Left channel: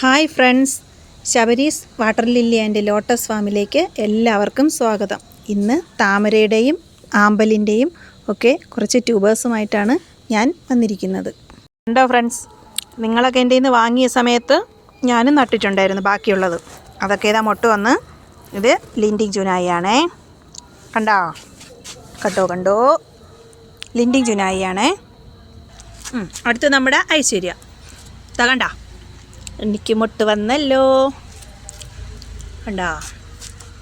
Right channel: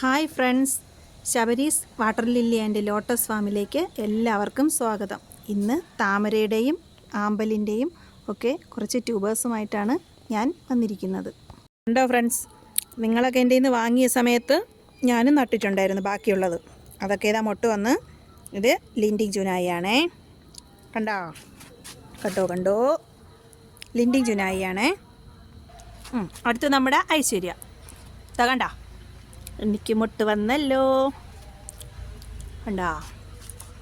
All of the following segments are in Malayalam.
Hi friends, Sabari's water lily and lotus ഫാമിലേക്ക് എല്ലാവർക്കും സ്വാഗതം. ഇന്ന് താമരയുടെയും ആമ്പലിൻ്റെയും ഒക്കെ കുറച്ച് ട്യൂബേഴ്സുമായിട്ടാണ് ഞാൻ വന്നിരിക്കുന്നത്. കണ്ടോ ഫ്രണ്ട്സ്, നിങ്ങളൊക്കെ എൻ്റെ നിന്ന് വാങ്ങിയ സമയത്ത് ഞാനും നട്ടിട്ടുണ്ടായിരുന്നു ബാക്കിയുള്ളത്. അതൊക്കെ ഇതാ മൊട്ട് വന്ന് ഇത് ലിൻഡിങ് ജുനായിയാണേ. കണ്ടോ ലിൻഡിങ് ജുനായിയാണേ. അടുത്ത് നമ്മുടെ ഐശ്വര്യ. കണ്ട, എനിക്ക് മുട്ട് വന്നല്ലോ.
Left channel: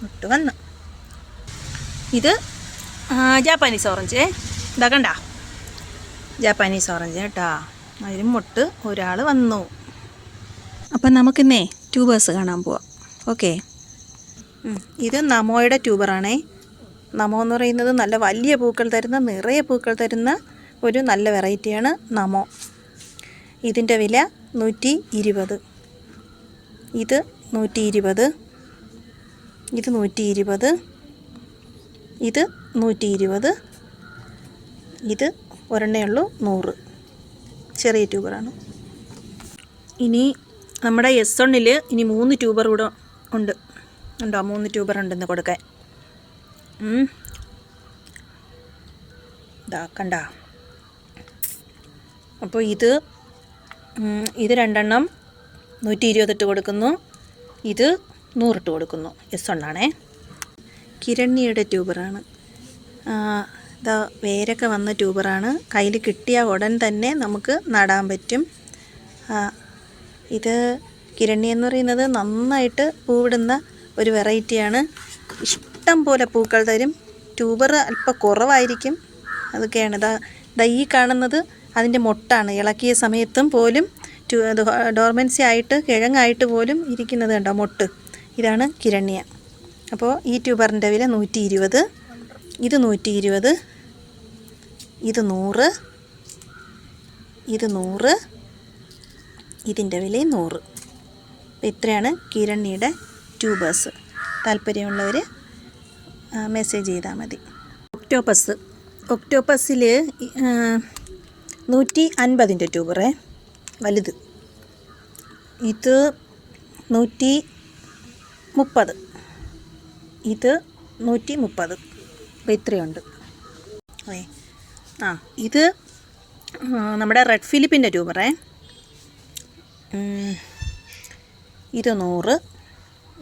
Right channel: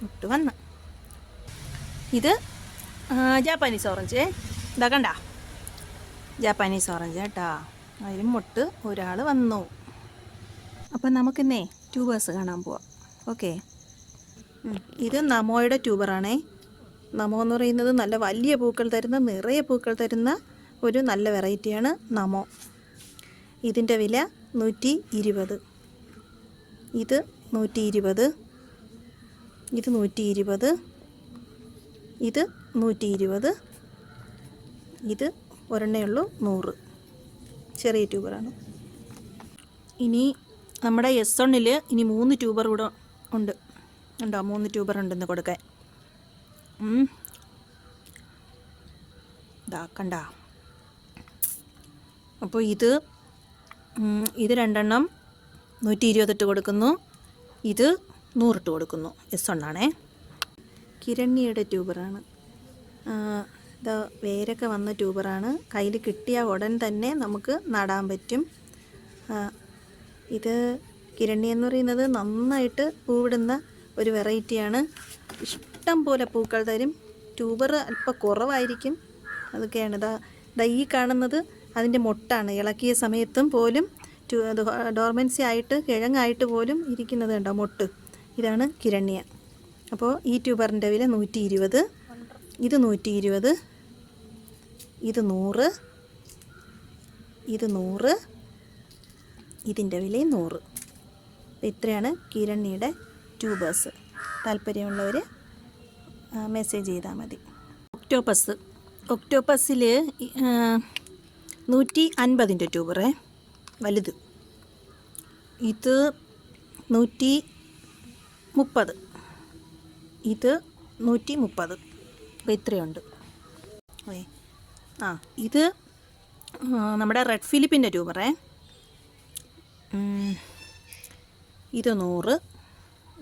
മുട്ട് വന്ന്. ഇത് ജാപ്പാനീസ് ഓറഞ്ച്. കണ്ട, ജാപ്പാനീസ് ഓറഞ്ച് കേട്ടോ. അതിലും മുട്ട് ഒരാൾ വന്നു. അപ്പം നമുക്കിന്നേ ട്യൂബേഴ്സ് കാണാൻ പോവാം. ഓക്കെ, ഇത് നമോയുടെ ട്യൂബറാണേ. നമോ എന്ന് പറയുന്നത് നല്ല വലിയ പൂക്കൾ തരുന്ന, നിറയെ പൂക്കൾ തരുന്ന ഒരു നല്ല വെറൈറ്റിയാണ് നമോ. ഇതിൻ്റെ വില 120. ഇത് 120. ഇത് 120. ഇത് 120. ഇത് ഒരെണ്ണേ ഉള്ളൂ 100. ചെറിയ ട്യൂബറാണ്. ഇനി നമ്മുടെ S1-ൽ ഇനി 3 ട്യൂബർ കൂടെ ഉണ്ട്. 3 ട്യൂബർ ഉണ്ടെന്ന് കൊടുക്കാൻ. കണ്ട. അപ്പോൾ ഇത് 2 120 ഇട്ട് കൊടുക്കുന്നു. ഇത് 100 ഇട്ട് കൊടുക്കുന്നു. S1 കിരണ്യയുടെ ട്യൂബറാണ്. ഇതാ വേരൊക്കെ വന്ന ട്യൂബറാണ്. കയ്യിൽ കിട്ടിയ ഉടൻ തന്നെ നമുക്ക് നടാൻ പറ്റും. ഇത് കിരണ്യ എന്ന് പറയുന്നത് നന്നായിട്ട് പൂവിടുന്ന ഒരു വെറൈറ്റിയാണ്. ഇഷ്ടം പോലെ പൂക്കൾ തരും. ട്യൂബർ അല്പം കുറവായിരിക്കും. അതൊക്കെയാണ് ഈ കാണുന്നത് അതിൻ്റെ മൊട്ടാണ്. ഇളക്കിയ സമയത്തും പോലും ഡോർമൻസി ആയിട്ട് കിഴങ്ങായിട്ട് പോലും ഇരിക്കുന്നത് കണ്ടോ മൊട്ട്. ഇതാണ് കിരണ്യ. അപ്പോൾ ഈ ട്യൂബറിൻ്റെ വില 120. ഇത് 120. ഇത് 100. ഇത് 100. ഇതിൻ്റെ വിലയും 100. ഇത്രയാണ് കിരണ്യയുടെ ട്യൂബേഴ്സ്. താല്പര്യമുള്ളവർ മെസ്സേജ് ചെയ്താൽ മതി. ഒക്ടോപ്പസിൽ 150 ട്യൂബറേ വലുത്. ഇത് 130. ഇത് 130. അപ്പോൾ ഇത്രയുണ്ട്. ഇത് നമ്മുടെ റെഡ് ഫിലിപ്പിൻ്റെ ട്യൂബറേ. ഇത് 100.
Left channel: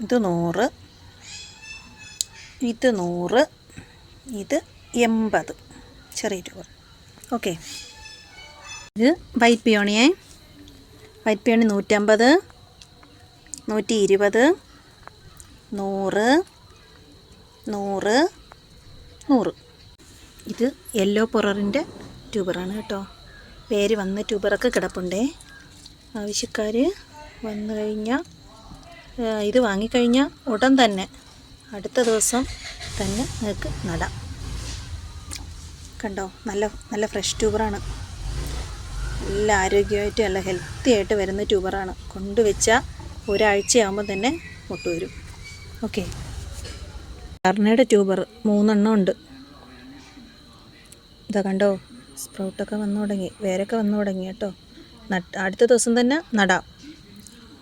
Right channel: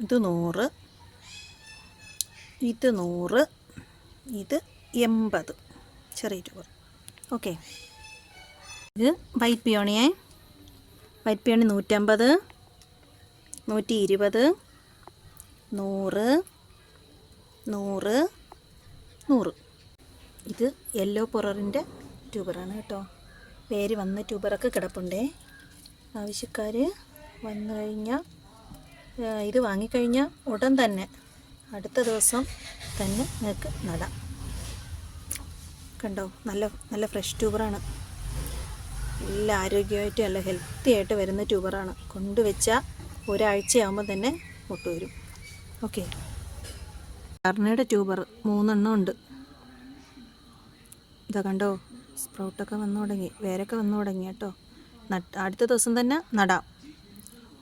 ഇത് 100. ഇത് 100. ഇത് 80. ചെറിയ ട്യൂബർ. ഓക്കെ, ഇത് വൈറ്റ് പിയോണിയേ. White peony 150, 120, 100, 100, 100. ഇത് യെല്ലോ പൊററിൻ്റെ ട്യൂബറാണ് കേട്ടോ. പേര് വന്ന ട്യൂബറൊക്കെ കിടപ്പുണ്ടേ. ആവശ്യക്കാർ വന്നു കഴിഞ്ഞാൽ ഇത് വാങ്ങിക്കഴിഞ്ഞാൽ ഉടൻ തന്നെ അടുത്ത ദിവസം തന്നെ നിങ്ങൾക്ക് നടാം. കണ്ടോ, നല്ല ഫ്രഷ് ട്യൂബറാണ്. നല്ല ആരോഗ്യമായിട്ട് നല്ല ഹെൽത്തി ആയിട്ട് വരുന്ന ട്യൂബറാണ്. കൊണ്ടുവച്ചാൽ ഒരാഴ്ചയാകുമ്പോൾ തന്നെ മുട്ട് വരും. ഓക്കെ, കർണയുടെ ട്യൂബർ 3 ഉണ്ട്. കണ്ടോ, സ്പ്രൗട്ടൊക്കെ വന്നു തുടങ്ങി, വേരൊക്കെ വന്നു തുടങ്ങി കേട്ടോ. അടുത്ത ദിവസം തന്നെ നടാം.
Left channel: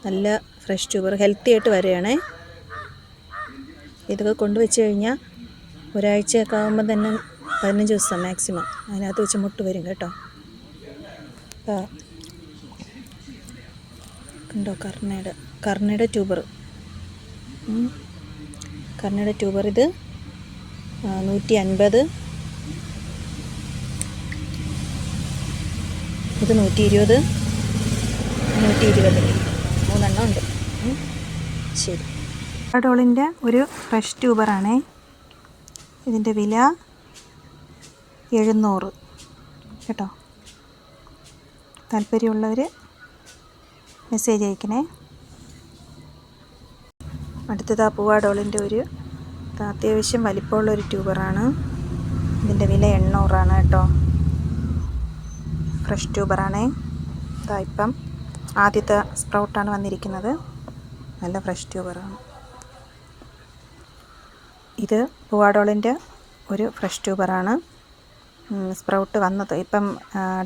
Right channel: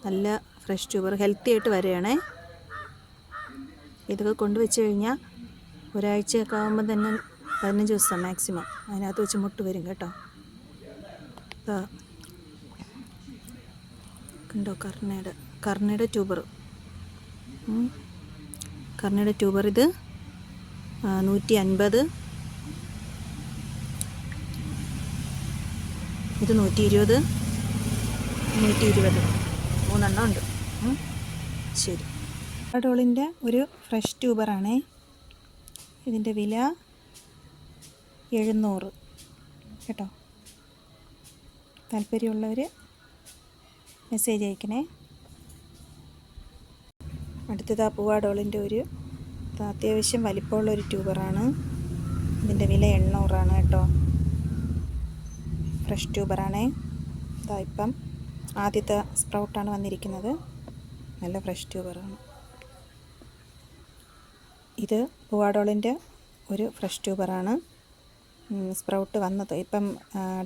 നല്ല ഫ്രഷ് ട്യൂബർ ഹെൽത്തി ആയിട്ട് വരികയാണേ. ഇതൊക്കെ കൊണ്ടുവച്ച് കഴിഞ്ഞാൽ ഒരാഴ്ചയൊക്കെ ആകുമ്പോൾ തന്നെ 15 ദിവസം മാക്സിമം അതിനകത്ത് വെച്ച് മുട്ട് വരും കേട്ടോ. കണ്ടോ, കർണയുടെ ട്യൂബർ. കർണയുടെ ട്യൂബർ ഇത് 150. ഇത് 120, 120. 3 ഉണ്ട്. ശരി, ഡോളിൻ്റെ ഒരു ഫ്രഷ് ട്യൂബറാണേ. ഇതിൻ്റെ വില 700 കേട്ടോ. താല്പര്യമുള്ളവർ മെസ്സേജ് അയക്കണേ. അടുത്തത് പൂവാഡോളിൻ്റെ ഒരു അത്യാവശ്യം വലിപ്പമുള്ളൊരു ട്യൂബറാണ്. ഇതിൻ്റെ വില 800 കേട്ടോ. ഫ്രഷ് ട്യൂബറാണേ. ഇപ്പം ആദ്യത്തെ സ്പ്രൗട്ടാണ് വന്നിരിക്കുന്നത്. നല്ല ഫ്രഷ് ട്യൂബറാണ്. ഇത് പൂവാഡോളിൻ്റെ ഒരു ഫ്രഷ് ട്യൂബറാണ്. സ്പ്രൗട്ട് വന്നത് ഇപ്പം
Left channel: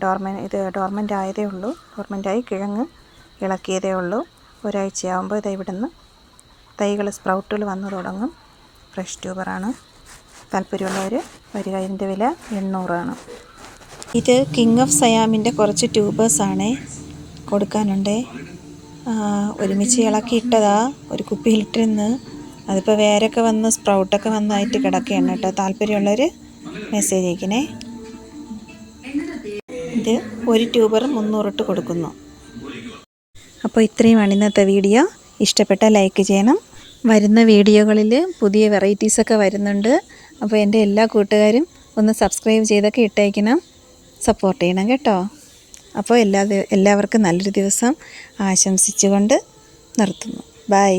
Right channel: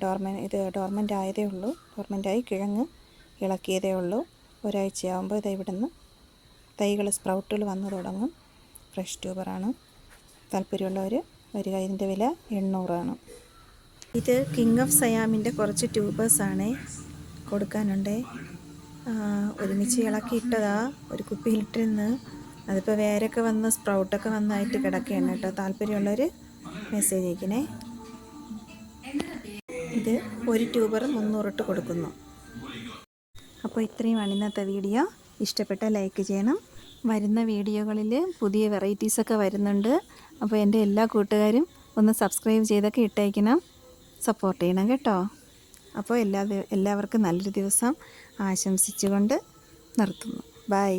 ഡോർമെൻ്റ് ആയതേ ഉള്ളൂ. ഡോർമെൻ്റായി കിഴങ്ങ് ഇളക്കിയതേ ഉള്ളൂ. ഒരാഴ്ചയാകുമ്പോൾ ഇത് ഇവിടുന്ന് തൈകൾ സ്പ്രൗട്ടുകൾ വന്നു തുടങ്ങും. ഫ്രഷ് ട്യൂബറാണ്. താല്പര്യമുള്ളവർ വരിക. ഇതിൻ്റെ വില 800 ആണ്. ഇത് കിങ് ഓഫ് സയാമിൻ്റെ കുറച്ച് ട്യൂബേഴ്സാണേ കൊടുക്കാനുണ്ടേ. ഒരുമിച്ച് ഇളക്കിയിട്ടതാ, ഒരു കുപ്പിയിലിട്ടിരുന്ന്. അതിപ്പോൾ വേരൊക്കെ വന്ന് സ്പ്രൗട്ടൊക്കെ വന്നായിട്ട് കിടക്കുകയാണ് കേട്ടോ. താല്പര്യമുള്ളവർ മെസ്സേജ് അയക്കണേ. ഇത് ഒരു ട്യൂബർ 300 ഇട്ട് കൊടുക്കുന്നു. അപ്പോൾ ഇത്രയുമാണ് ഇന്നത്തെ വീഡിയോ. ഇഷ്ടപ്പെട്ട ലൈക്ക് ചെയ്യണം. വരുന്ന വീഡിയോകളിൽ പുതിയ വെറൈറ്റീസൊക്കെ വരുന്നുണ്ട്. അപ്പോൾ എൻ്റെ എല്ലാ കൂട്ടുകാരും ഒന്ന് സബ്സ്ക്രൈബ് ചെയ്തൊക്കെ ഇട്ടേക്കണം, സപ്പോർട്ട് ചെയ്യണം കേട്ടോ. അപ്പോൾ എല്ലാവർക്കും നല്ലൊരു ദിവസം ആശംസിച്ചുകൊണ്ട് നിർത്തുന്നു. ബൈ.